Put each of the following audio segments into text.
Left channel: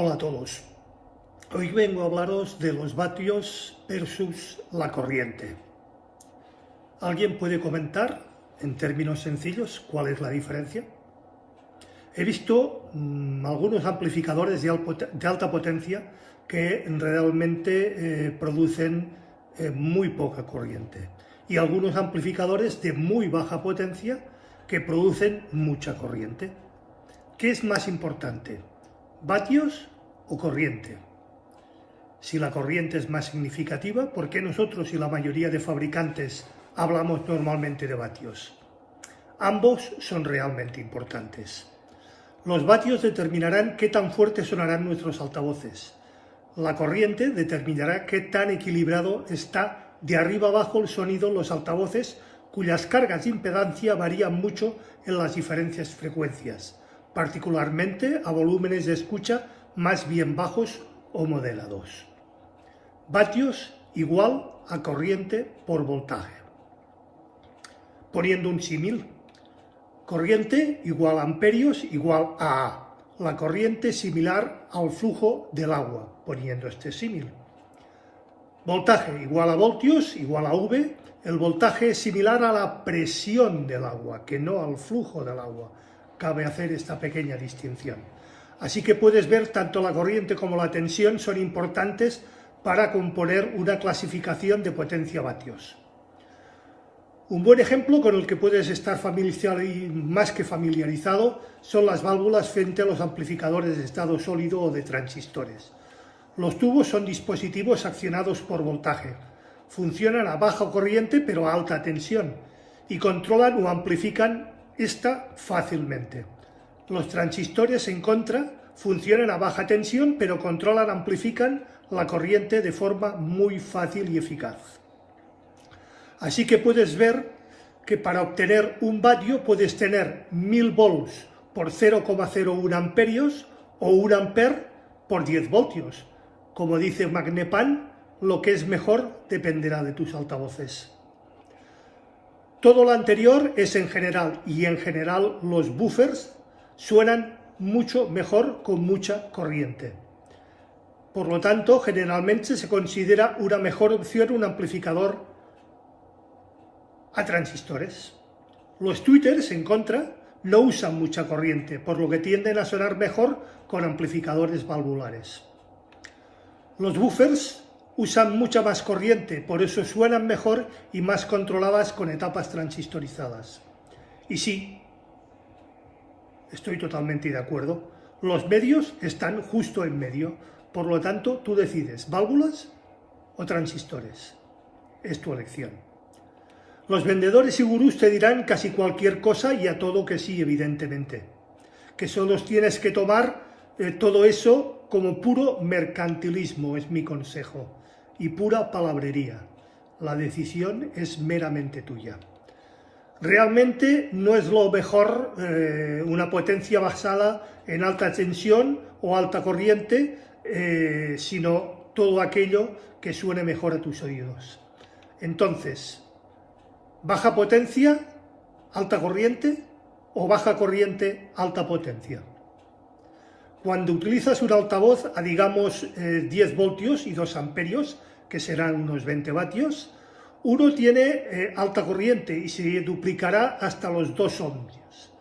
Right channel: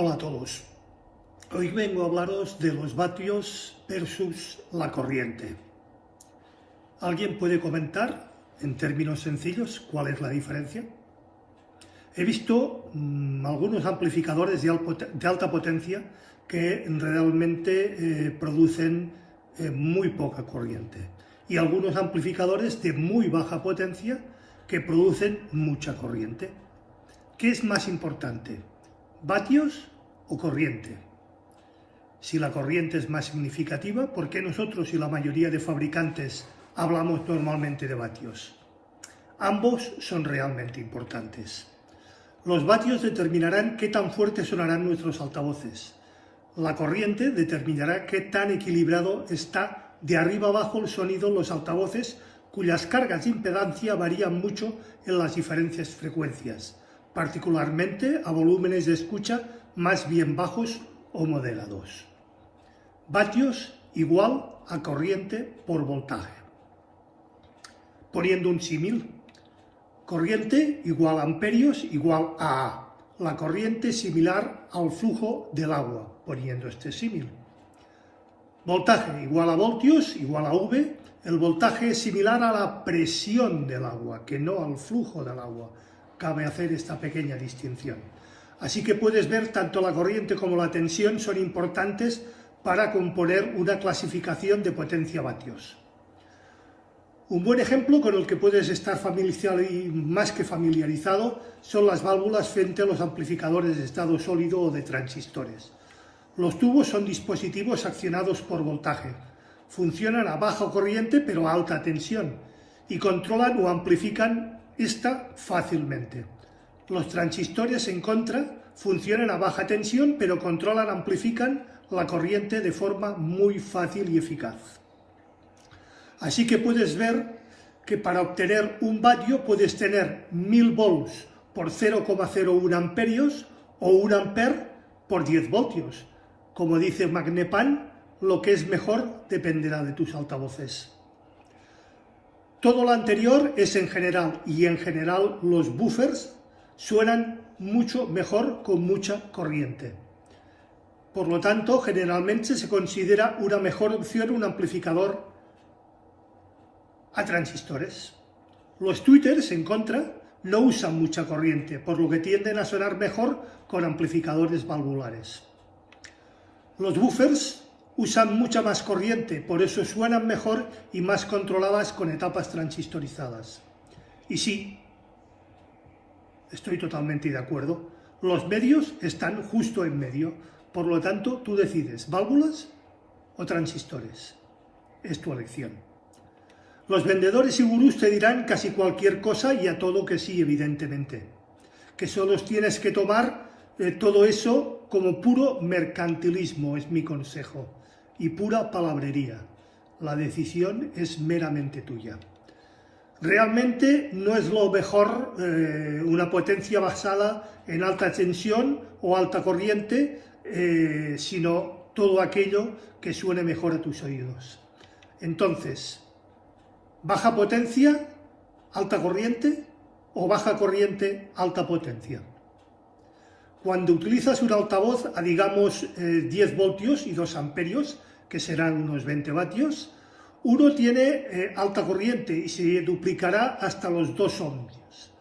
Hola a todos. Hoy vengo a hablaros de los vatios versus la corriente. ¿Alguien puede comentar, en términos sencillos, cuál es la diferencia? He visto algunos amplificadores de alta potencia que realmente producen muy poca corriente y algunos amplificadores de muy baja potencia que producen mucha corriente. ¿Qué es más importante? ¿Vatios o corriente? Si la corriente es más significativa, ¿por qué nosotros y la mayoría de fabricantes hablamos normalmente de vatios? Ambos son realmente importantes. Los vatios determinarán qué tan fuertes sonarán nuestros altavoces. La corriente determinará qué tan equilibrado está de arriba abajo el sonido en los altavoces, cuyas cargas de impedancia varían mucho en las diferentes frecuencias, particularmente a volúmenes de escucha más bien bajos o moderados. Vatios igual a corriente por voltaje. Poniendo un símil, corriente igual a amperios igual a A. La corriente similar al flujo del agua, poniendo este símil. Voltaje igual a voltios igual a V. El voltaje es similar a la presión del agua, que no al flujo del agua. Cabe hacer esta pequeña distinción. Así que puedes ver tanto la corriente como la tensión son importantes para componer una clasificación de potencia vatios. Un buen ejemplo con el que puedes estar más que familiarizado son las válvulas frente a los amplificadores de estado sólido o de transistores. Los tubos son dispositivos accionados por voltaje. Funcionan a baja corriente pero a alta tensión y controlan o amplifican esta fácilmente. Los transistores, en contra, funcionan a baja tensión pero controlan, amplifican la corriente de forma muy fácil y eficaz. Así que puedes ver que para obtener un vatio puedes tener 1000 volts por 0,01 amperios o 1 amper por 10 voltios. Como dice Magnepan, lo que es mejor dependerá de tus altavoces. Todo lo anterior es en general, y en general los buffers suenan mucho mejor con mucha corriente. Por lo tanto, generalmente se considera una mejor opción un amplificador a transistores. Los tweeters, en contra, no usan mucha corriente, por lo que tienden a sonar mejor con amplificadores valvulares. Los buffers usan mucha más corriente, por eso suenan mejor y más controladas con etapas transistorizadas. Y sí, estoy totalmente de acuerdo, los medios están justo en medio, por lo tanto tú decides válvulas o transistores. Es tu elección. Los vendedores y gurús te dirán casi cualquier cosa y a todo que sí, evidentemente. Que solo tienes que tomar todo eso como puro mercantilismo, es mi consejo, y pura palabrería. La decisión es meramente tuya. Realmente no es lo mejor una potencia basada en alta tensión o alta corriente, sino todo aquello que suene mejor a tus oídos. Entonces, ¿baja potencia, alta corriente o baja corriente, alta potencia? Cuando utilizas un altavoz a, digamos, 10 voltios y 2 amperios, que serán unos 20 vatios, uno tiene alta corriente y se duplicará hasta los 2 ohmios.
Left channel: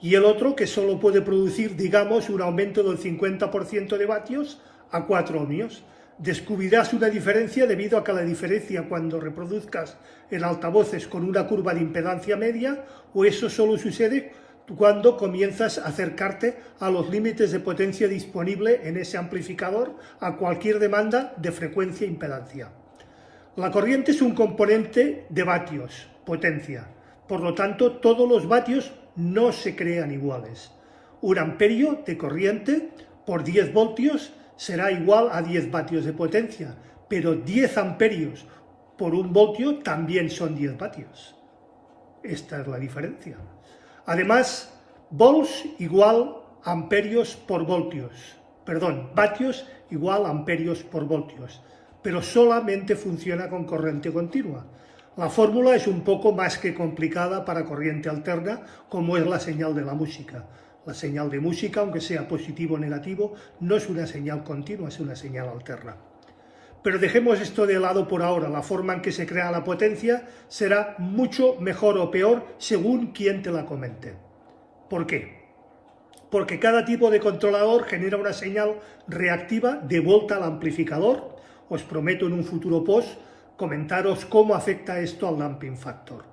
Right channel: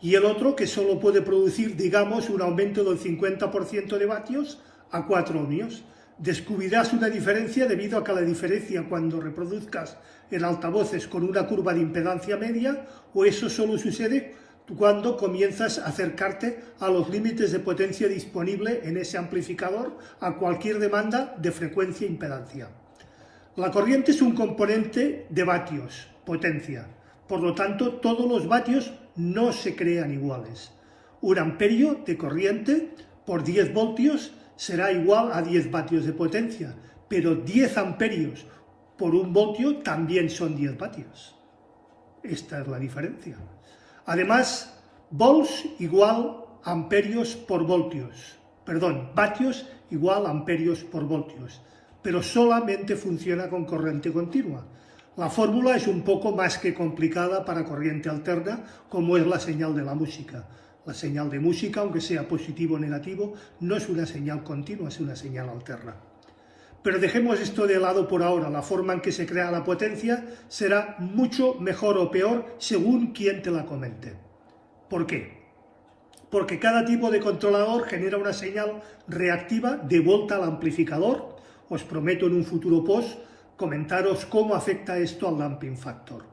Y el otro, que solo puede producir, digamos, un aumento del 50% de vatios a 4 ohmios. Descubrirás una diferencia debido a que la diferencia cuando reproduzcas en altavoces con una curva de impedancia media, o eso solo sucede cuando comienzas a acercarte a los límites de potencia disponible en ese amplificador a cualquier demanda de frecuencia e impedancia. La corriente es un componente de vatios, potencia. Por lo tanto, todos los vatios no se crean iguales. Un amperio de corriente por 10 voltios será igual a 10 vatios de potencia, pero 10 amperios por 1 voltio también son 10 vatios. Esta es la diferencia. Además, volts igual a amperios por voltios. Perdón, vatios igual a amperios por voltios. Pero solamente funciona con corriente continua. La fórmula es un poco más que complicada para corriente alterna, como es la señal de la música. La señal de música, aunque sea positivo o negativo, no es una señal continua, es una señal alterna. Pero dejemos esto de lado por ahora. La forma en que se crea la potencia será mucho mejor o peor según quien te la comente. ¿Por qué? Porque cada tipo de controlador genera una señal reactiva de vuelta al amplificador. Os prometo en un futuro post comentaros cómo afecta esto al damping factor.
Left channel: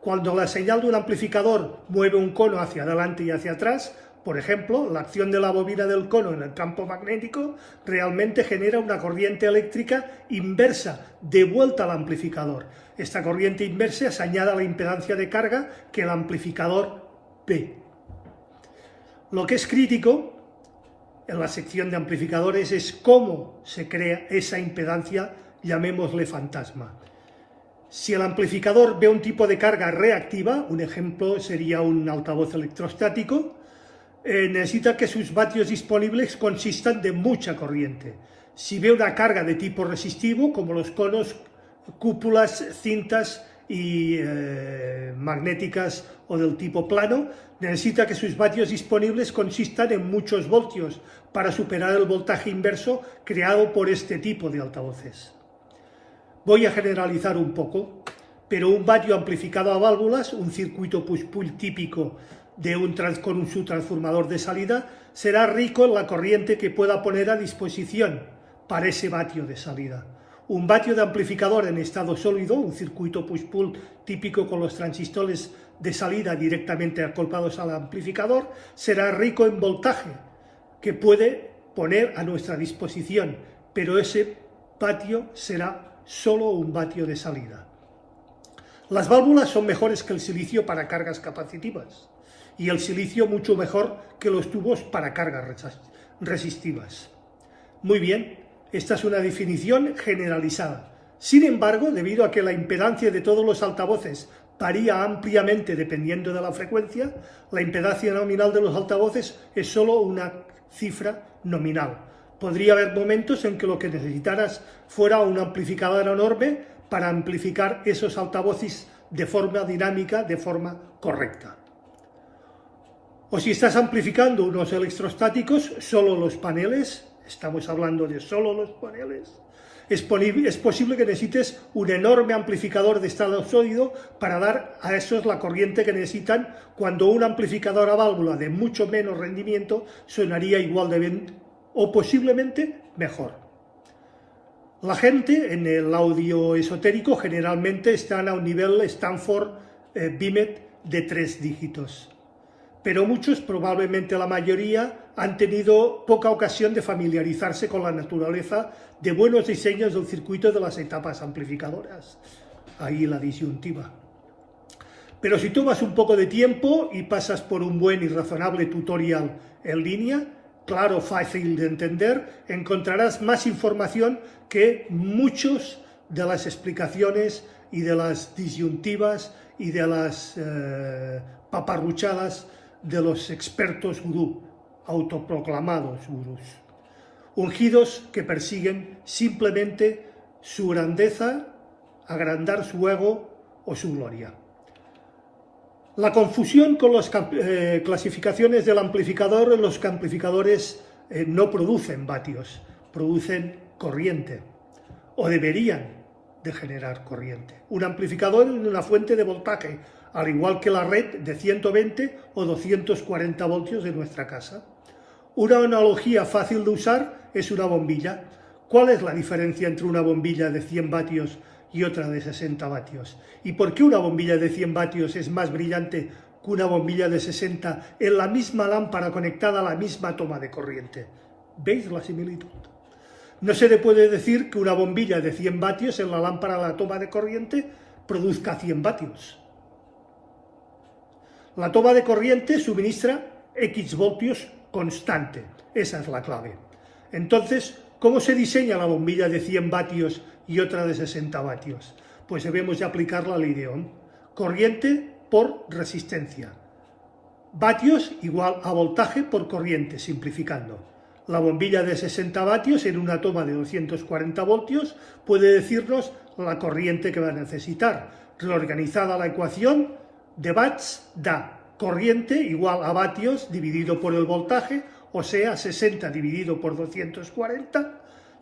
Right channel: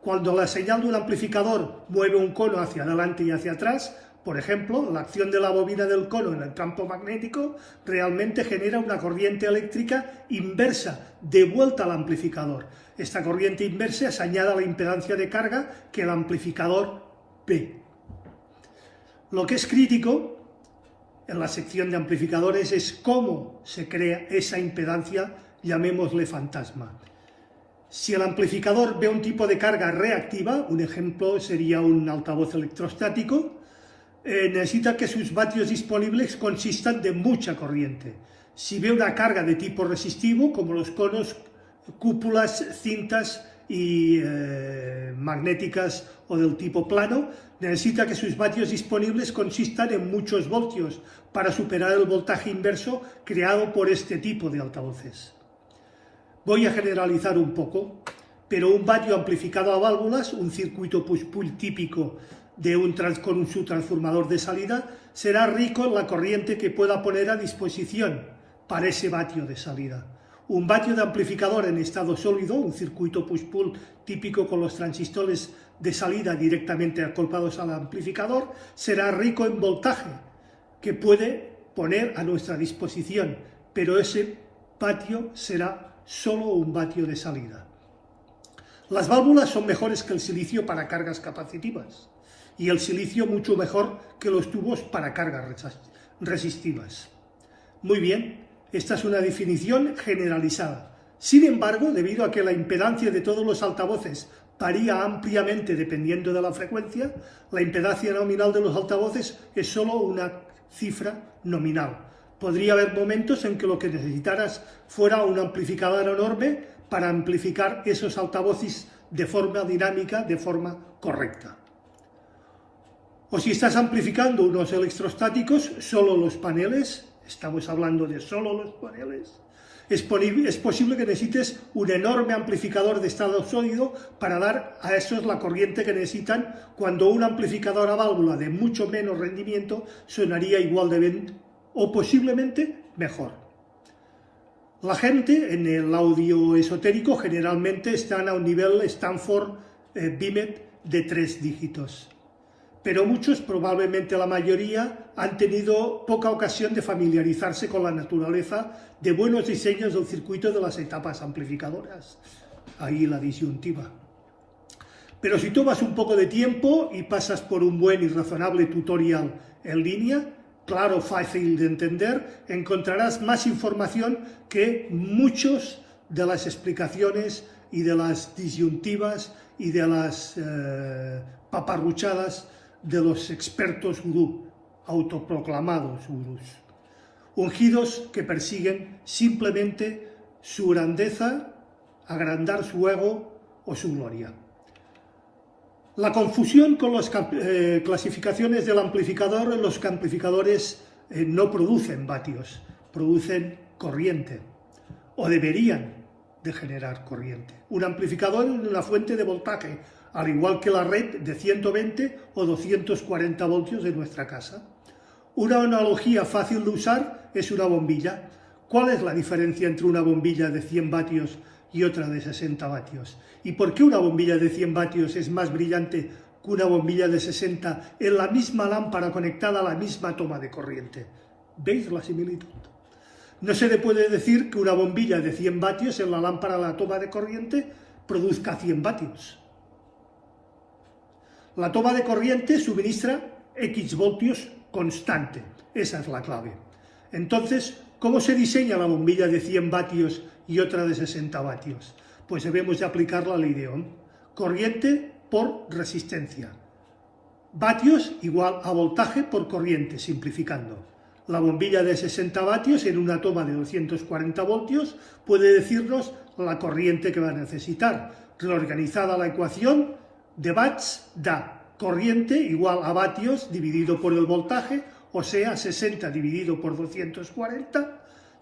Cuando la señal de un amplificador mueve un cono hacia adelante y hacia atrás, por ejemplo, la acción de la bobina del cono en el campo magnético realmente genera una corriente eléctrica inversa de vuelta al amplificador. Esta corriente inversa se añade a la impedancia de carga que el amplificador ve. Lo que es crítico en la sección de amplificadores es cómo se crea esa impedancia, llamémosle fantasma. Si el amplificador ve un tipo de carga reactiva, un ejemplo sería un altavoz electrostático, necesita que sus vatios disponibles consistan de mucha corriente. Si ve una carga de tipo resistivo, como los conos, cúpulas, cintas y magnéticas o del tipo plano, necesita que sus vatios disponibles consistan en muchos voltios para superar el voltaje inverso creado por este tipo de altavoces. Voy a generalizar un poco, pero un vatio amplificado a válvulas, un circuito push-pull típico con su transformador de salida, será rico en la corriente que pueda poner a disposición para ese vatio de salida. Un vatio de amplificador en estado sólido, un circuito push-pull típico con los transistores de salida directamente acoplados al amplificador, será rico en voltaje que puede poner a nuestra disposición, pero ese vatio será solo un vatio de salida. Las válvulas son mejores que el silicio para cargas capacitivas y el silicio mucho mejor que los tubos para cargas resistivas. Muy bien, esta es una definición generalizada. Sin embargo, debido a que la impedancia de todos los altavoces varía ampliamente dependiendo de la frecuencia, la impedancia nominal de los altavoces es solo una cifra nominal. Podría haber momentos en que lo que necesitaras fuera un amplificador enorme para amplificar esos altavoces de forma dinámica, de forma correcta. O si estás amplificando unos electrostáticos, solo los paneles, estamos hablando de solo los paneles, es posible que necesites un enorme amplificador de estado sólido para dar a esos la corriente que necesitan, cuando un amplificador a válvula de mucho menos rendimiento sonaría igual de bien o posiblemente mejor. La gente en el audio esotérico generalmente están a un nivel Stanford Bimet de 3 dígitos, pero muchos, probablemente la mayoría, han tenido poca ocasión de familiarizarse con la naturaleza de buenos diseños del circuito de las etapas amplificadoras. Ahí la disyuntiva. Pero si tomas un poco de tiempo y pasas por un buen y razonable tutorial en línea, claro, fácil de entender, encontrarás más información que muchas de las explicaciones y de las disyuntivas y de las paparruchadas de los expertos gurú, autoproclamados gurús, ungidos que persiguen simplemente su grandeza, agrandar su ego o su gloria. La confusión con las clasificaciones del amplificador: los amplificadores no producen vatios, producen corriente, o deberían de generar corriente. Un amplificador es una fuente de voltaje, al igual que la red de 120 o 240 voltios de nuestra casa. Una analogía fácil de usar es una bombilla. ¿Cuál es la diferencia entre una bombilla de 100 vatios y otra de 60 vatios? ¿Y por qué una bombilla de 100 vatios es más brillante que una bombilla de 60 en la misma lámpara conectada a la misma toma de corriente? ¿Veis la similitud? No se le puede decir que una bombilla de 100 vatios en la lámpara a la toma de corriente produzca 100 vatios. La toma de corriente suministra X voltios constante. Esa es la clave. Entonces, ¿cómo se diseña la bombilla de 100 vatios y otra de 60 vatios? Pues debemos de aplicar la ley de Ohm. Corriente por resistencia. Vatios igual a voltaje por corriente, simplificando. La bombilla de 60 vatios en una toma de 240 voltios puede decirnos la corriente que va a necesitar. Reorganizada la ecuación, de watts da corriente igual a vatios dividido por el voltaje, o sea, 60 dividido por 240,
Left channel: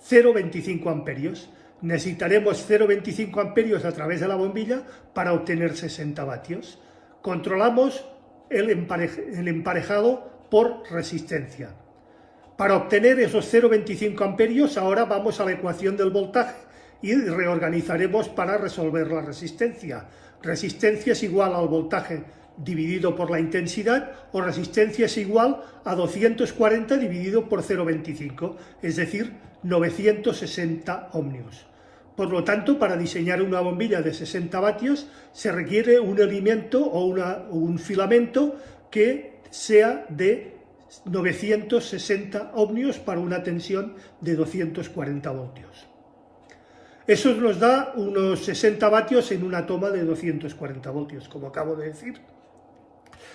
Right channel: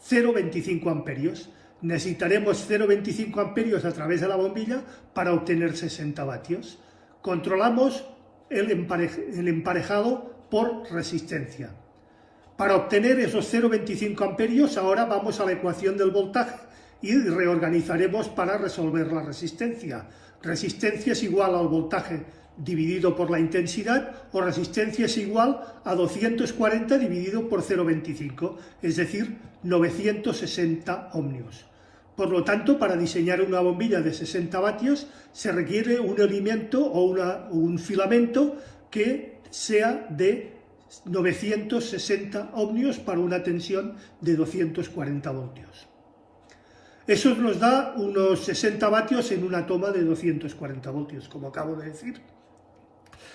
0,25 amperios. Necesitaremos 0,25 amperios a través de la bombilla para obtener 60 vatios. Controlamos el emparejado por resistencia. Para obtener esos 0,25 amperios, ahora vamos a la ecuación del voltaje y reorganizaremos para resolver la resistencia. Resistencia es igual al voltaje dividido por la intensidad, o resistencia es igual a 240 dividido por 0,25, es decir, 960 ohmios. Por lo tanto, para diseñar una bombilla de 60 vatios se requiere un elemento o un filamento que sea de 960 ohmios para una tensión de 240 voltios. Eso nos da unos 60 vatios en una toma de 240 voltios, como acabo de decir.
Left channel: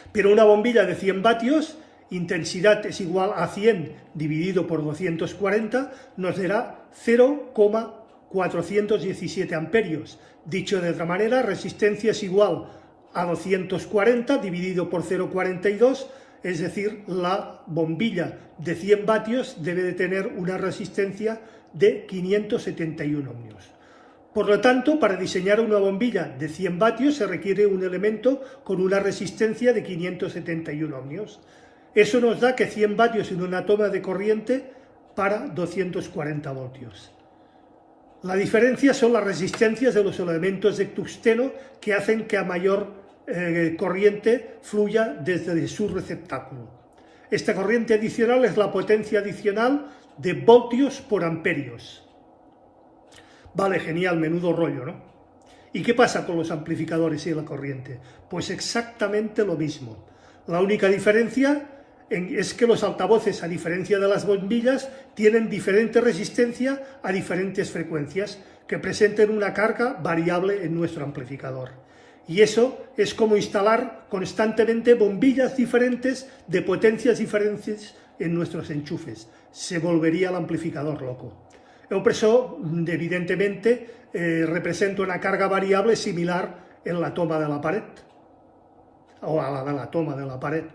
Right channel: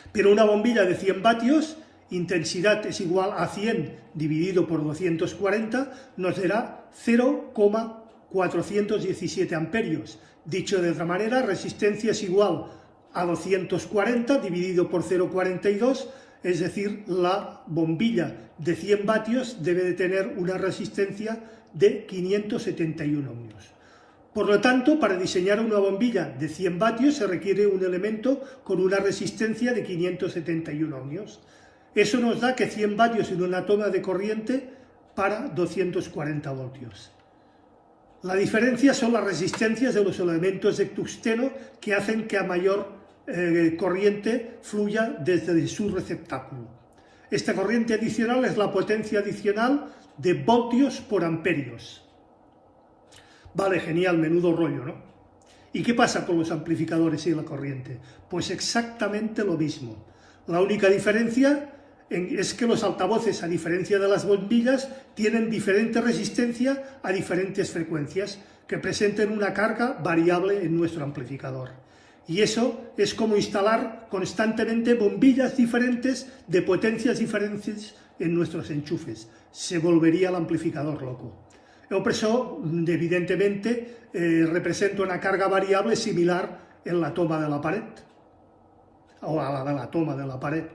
Pero una bombilla de 100 vatios, intensidad es igual a 100 dividido por 240, nos dará 0,417 amperios. Dicho de otra manera, resistencia es igual a 240 dividido por 0,42, es decir, la bombilla de 100 vatios debe de tener una resistencia de 571 ohmios. Por lo tanto, para diseñar una bombilla de 100 vatios se requiere un elemento con una resistencia de 571 ohmios. Eso nos da que 100 vatios en una toma de corriente para 240 voltios. La diferencia son las resistencias de los elementos de tungsteno que hacen que a mayor corriente fluya desde su receptáculo. Esta corriente adicional es la potencia adicional de voltios por amperios. Vale, genial, menudo rollo, ¿no? ¿Y qué pasa con los amplificadores y la corriente? Pues exactamente lo mismo. La única diferencia es que los altavoces, a diferencia de las bombillas, tienen diferente resistencia a diferentes frecuencias que presenten una carga variable en nuestro amplificador. Y eso es como instalar constantemente bombillas diferentes de potencias diferentes en nuestros enchufes. Se volvería el amplificador loco. Yo por eso, evidentemente, represento una carga variable similar en la toma de la pared, o a la de la toma de la pared.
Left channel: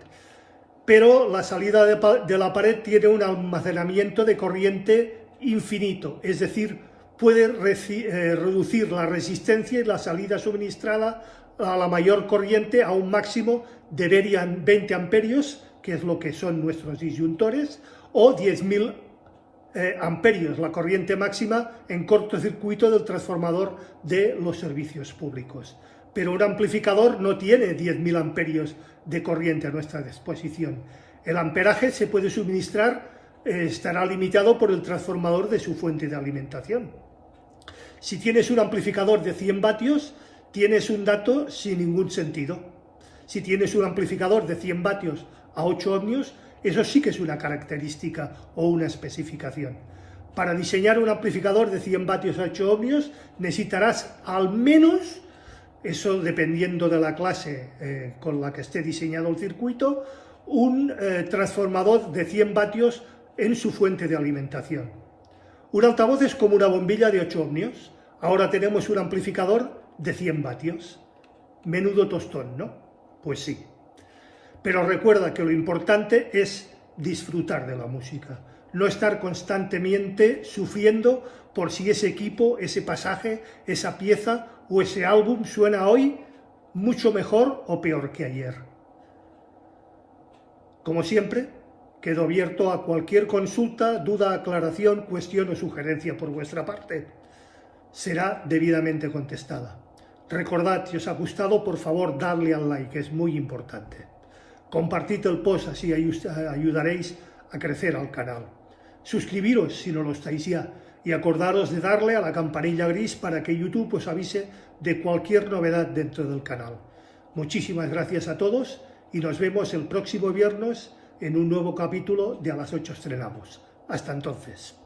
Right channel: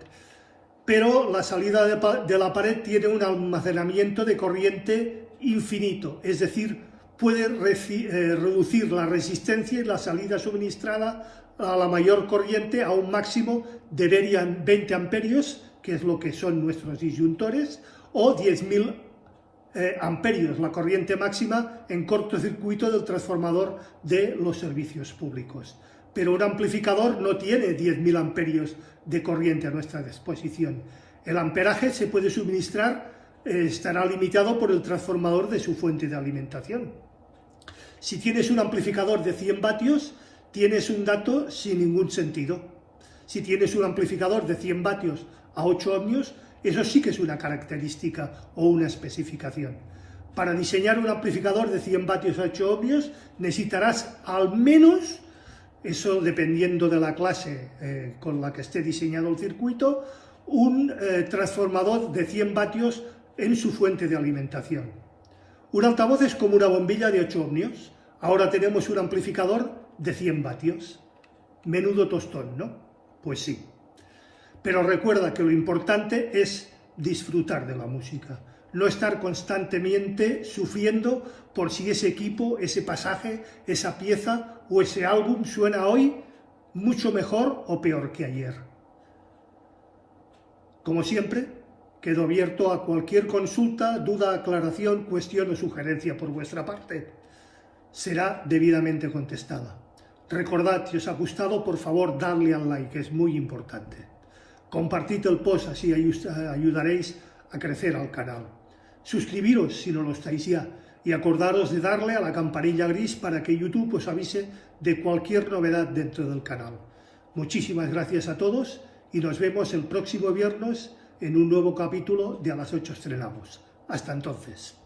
Pero la salida de la pared tiene un almacenamiento de corriente infinito, es decir, puede reducir la resistencia y la salida suministrada a la mayor corriente a un máximo de 20 amperios, que es lo que son nuestros disyuntores, o 10.000 amperios, la corriente máxima en cortocircuito del transformador de los servicios públicos. Pero un amplificador no tiene 10.000 amperios de corriente a nuestra disposición. El amperaje se puede suministrar, estará limitado por el transformador de su fuente de alimentación. Si tienes un amplificador de 100 vatios, tienes un dato sin ningún sentido. Si tienes un amplificador de 100 vatios a 8 ohmios, eso sí que es una característica o una especificación. Para diseñar un amplificador de 100 vatios a 8 ohmios necesitarás al menos, eso dependiendo de la clase con la que esté diseñado el circuito, un transformador de 100 vatios en su fuente de alimentación. Un altavoz es como una bombilla de 8 ohmios. Ahora tenemos un amplificador de 100 vatios. Menudo tostón, ¿no? Pues sí. Pero recuerda que lo importante es disfrutar de la música, no estar constantemente sufriendo por si ese equipo, ese pasaje, esa pieza o ese álbum suena hoy mucho mejor o peor que ayer. Como siempre, quedo abierto a cualquier consulta, duda, aclaración, cuestión o sugerencia por vuestra parte. Será debidamente contestada. Recordad, si os ha gustado, por favor, dadle al like, es muy importante. Compartid el post, así ayudaréis a crecer al canal. Suscribiros si no lo estáis ya y acordaros de darle a la campanilla gris para que YouTube os avise de cualquier novedad dentro del canal. Muchísimas gracias a todos y nos vemos el próximo viernes en un nuevo capítulo de A las 8 estrenamos. Hasta entonces.